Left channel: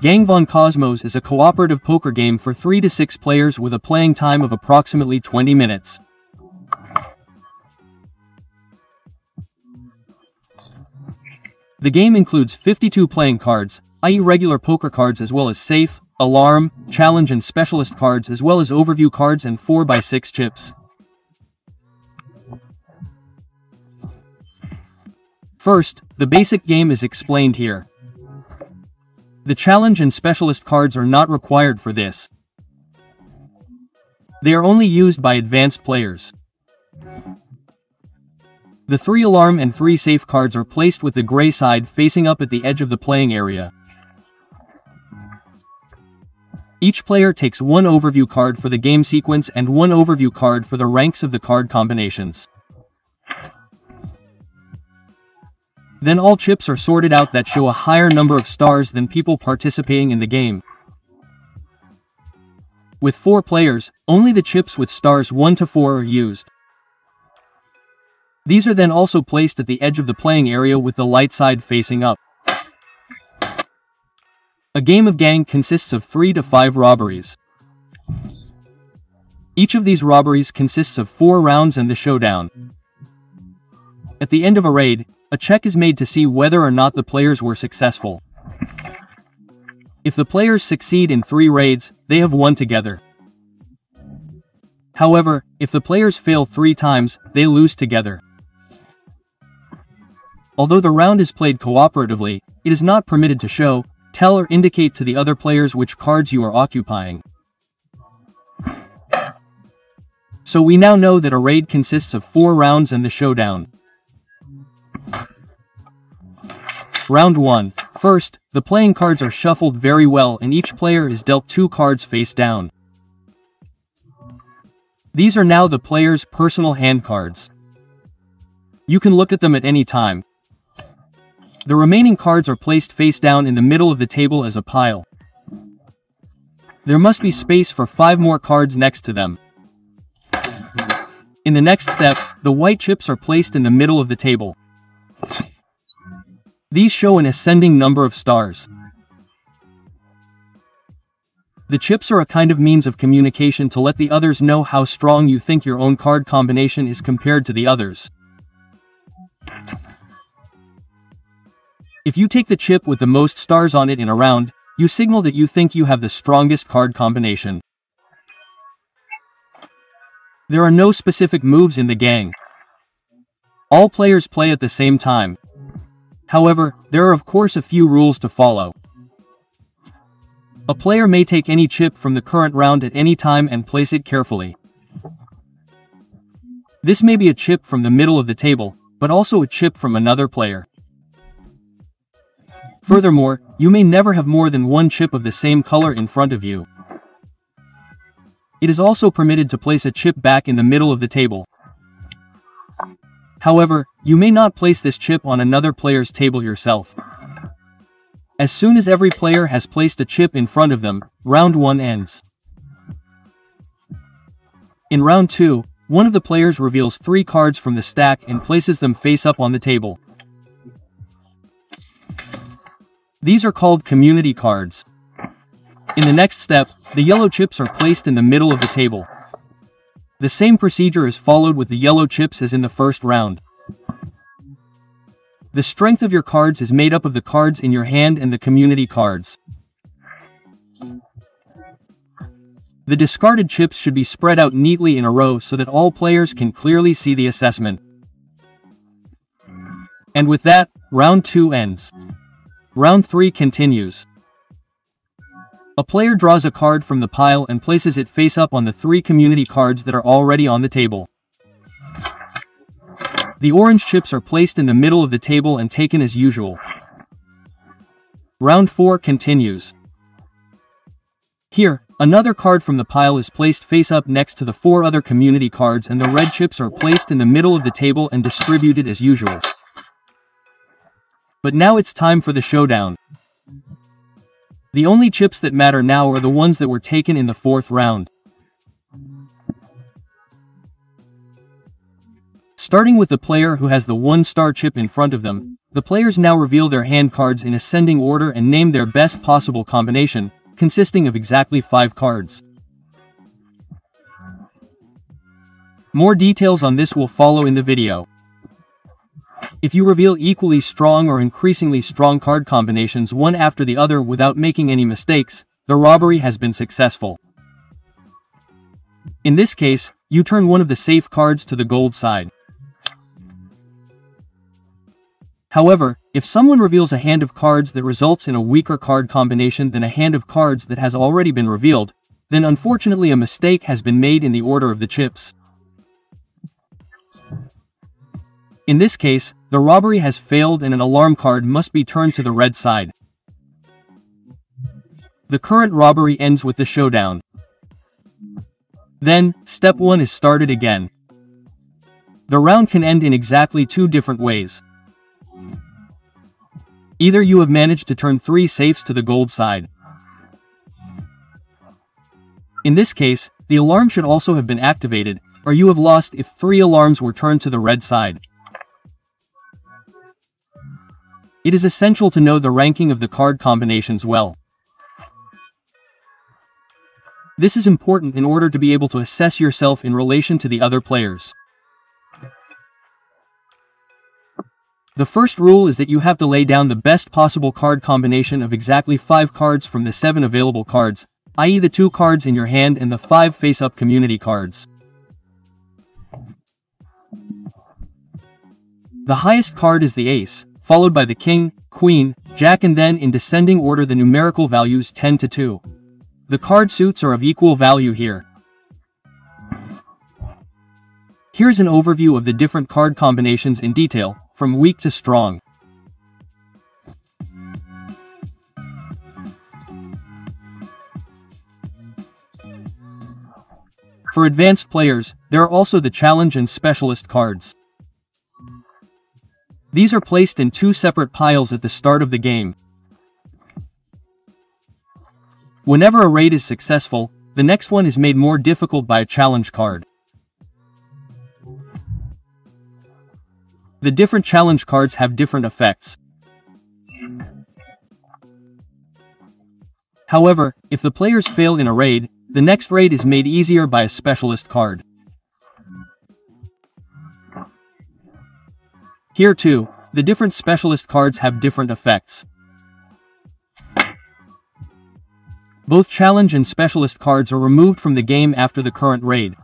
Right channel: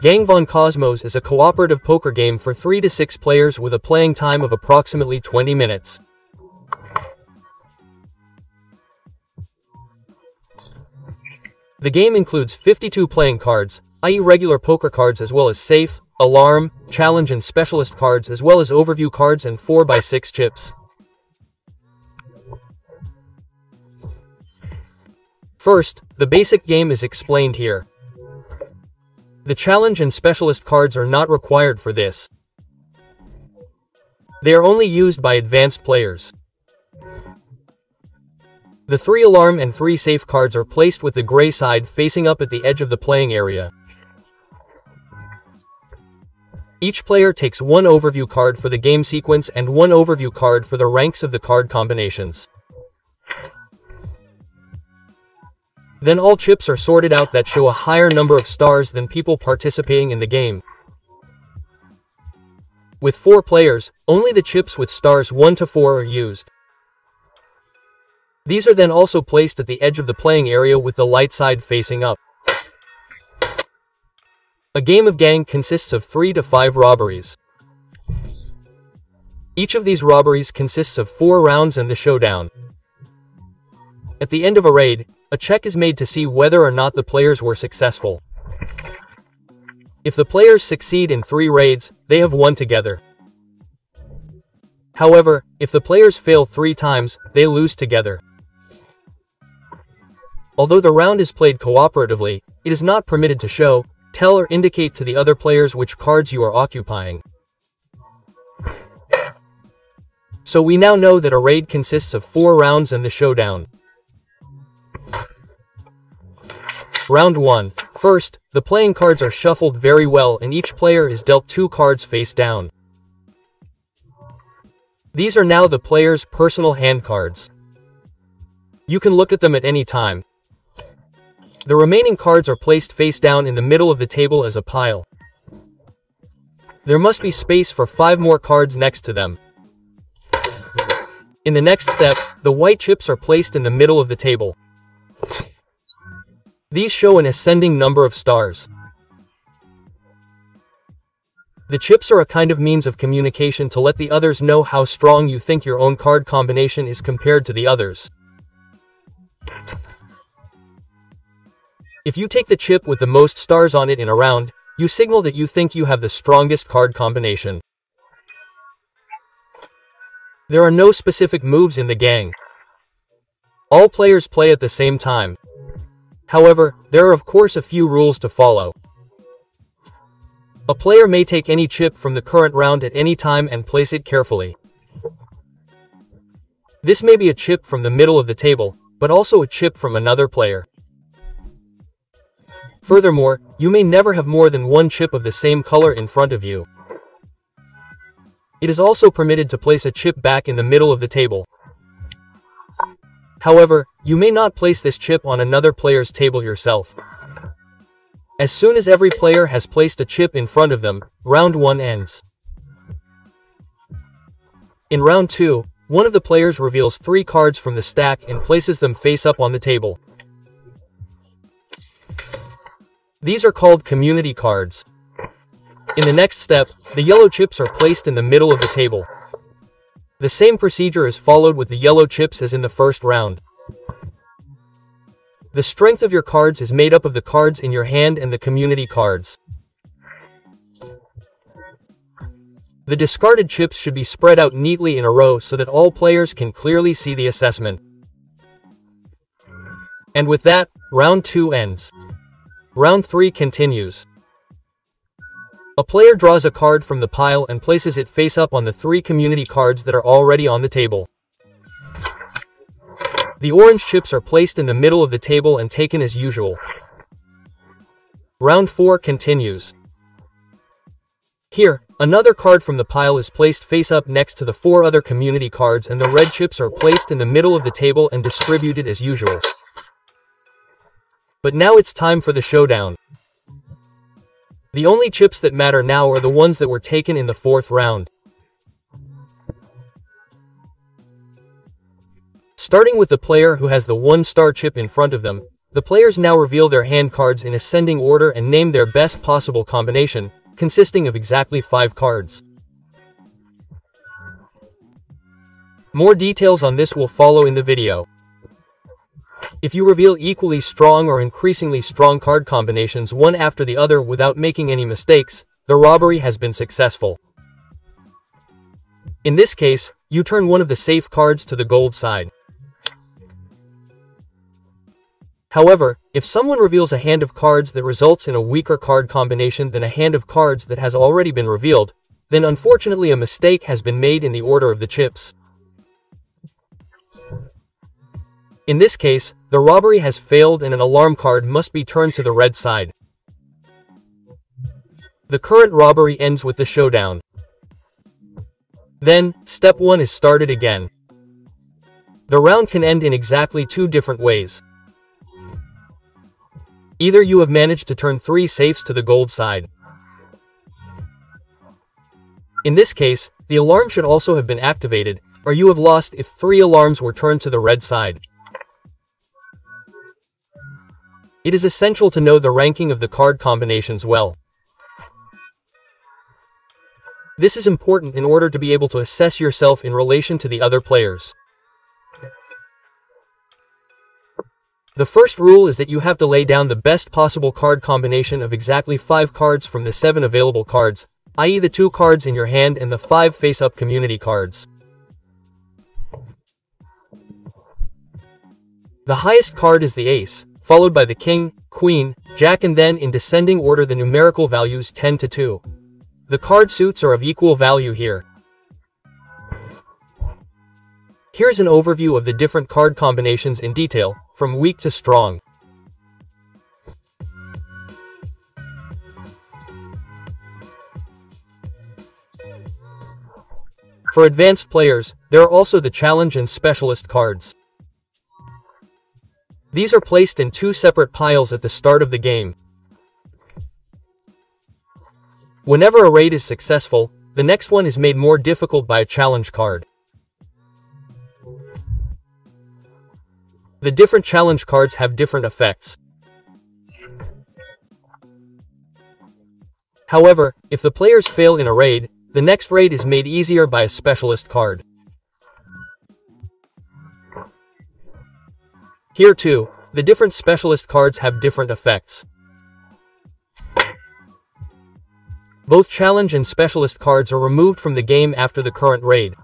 Gang von Kosmos is a cooperative poker game for 3 to 6 players with a playing time of approximately 20 minutes. The game includes 52 playing cards, i.e. regular poker cards, as well as safe, alarm, challenge and specialist cards, as well as overview cards and 4x6 chips. First, the basic game is explained here. The challenge and specialist cards are not required for this. They are only used by advanced players. The 3 alarm and 3 safe cards are placed with the gray side facing up at the edge of the playing area. Each player takes 1 overview card for the game sequence and 1 overview card for the ranks of the card combinations. Then all chips are sorted out that show a higher number of stars than people participating in the game. With 4 players, only the chips with stars 1 to 4 are used. These are then also placed at the edge of the playing area with the light side facing up. A game of Gang consists of 3 to 5 robberies. Each of these robberies consists of 4 rounds and the showdown. At the end of a raid, a check is made to see whether or not the players were successful. If the players succeed in 3 raids, they have won together. However, if the players fail 3 times, they lose together. Although the round is played cooperatively, it is not permitted to show, tell or indicate to the other players which cards you are occupying. So we now know that a raid consists of 4 rounds and the showdown. Round 1. First, the playing cards are shuffled very well and each player is dealt 2 cards face down. These are now the player's personal hand cards. You can look at them at any time. The remaining cards are placed face down in the middle of the table as a pile. There must be space for 5 more cards next to them. In the next step, the white chips are placed in the middle of the table. These show an ascending number of stars. The chips are a kind of means of communication to let the others know how strong you think your own card combination is compared to the others. If you take the chip with the most stars on it in a round, you signal that you think you have the strongest card combination. There are no specific moves in the gang. All players play at the same time. However, there are of course a few rules to follow. A player may take any chip from the current round at any time and place it carefully. This may be a chip from the middle of the table, but also a chip from another player. Furthermore, you may never have more than 1 chip of the same color in front of you. It is also permitted to place a chip back in the middle of the table. However, you may not place this chip on another player's table yourself. As soon as every player has placed a chip in front of them, round 1 ends. In round 2, one of the players reveals 3 cards from the stack and places them face up on the table. These are called community cards. In the next step, the yellow chips are placed in the middle of the table. The same procedure is followed with the yellow chips as in the first round. The strength of your cards is made up of the cards in your hand and the community cards. The discarded chips should be spread out neatly in a row so that all players can clearly see the assessment. And with that, round 2 ends. Round 3 continues. A player draws a card from the pile and places it face up on the 3 community cards that are already on the table. The orange chips are placed in the middle of the table and taken as usual. Round 4 continues. Here, another card from the pile is placed face up next to the 4 other community cards and the red chips are placed in the middle of the table and distributed as usual. But now it's time for the showdown. The only chips that matter now are the ones that were taken in the 4th round. Starting with the player who has the 1-star chip in front of them, The players now reveal their hand cards in ascending order and name their best possible combination, consisting of exactly 5 cards. More details on this will follow in the video. If you reveal equally strong or increasingly strong card combinations one after the other without making any mistakes, the robbery has been successful. In this case, you turn one of the safe cards to the gold side. However, if someone reveals a hand of cards that results in a weaker card combination than a hand of cards that has already been revealed, then unfortunately a mistake has been made in the order of the chips. In this case, the robbery has failed and an alarm card must be turned to the red side. The current robbery ends with the showdown. Then, step 1 is started again. The round can end in exactly 2 different ways. Either you have managed to turn 3 safes to the gold side. In this case, the alarm should also have been activated, or you have lost if 3 alarms were turned to the red side. It is essential to know the ranking of the card combinations well. This is important in order to be able to assess yourself in relation to the other players. The first rule is that you have to lay down the best possible card combination of exactly 5 cards from the 7 available cards, i.e. the 2 cards in your hand and the 5 face-up community cards. The highest card is the ace, followed by the king, queen, jack, and then in descending order the numerical values 10 to 2. The card suits are of equal value here. Here's an overview of the different card combinations in detail, from weak to strong. For advanced players, there are also the challenge and specialist cards. These are placed in 2 separate piles at the start of the game. Whenever a raid is successful, the next one is made more difficult by a challenge card. The different challenge cards have different effects. However, if the players fail in a raid, the next raid is made easier by a specialist card. Here too, the different specialist cards have different effects. Both challenge and specialist cards are removed from the game after the current raid.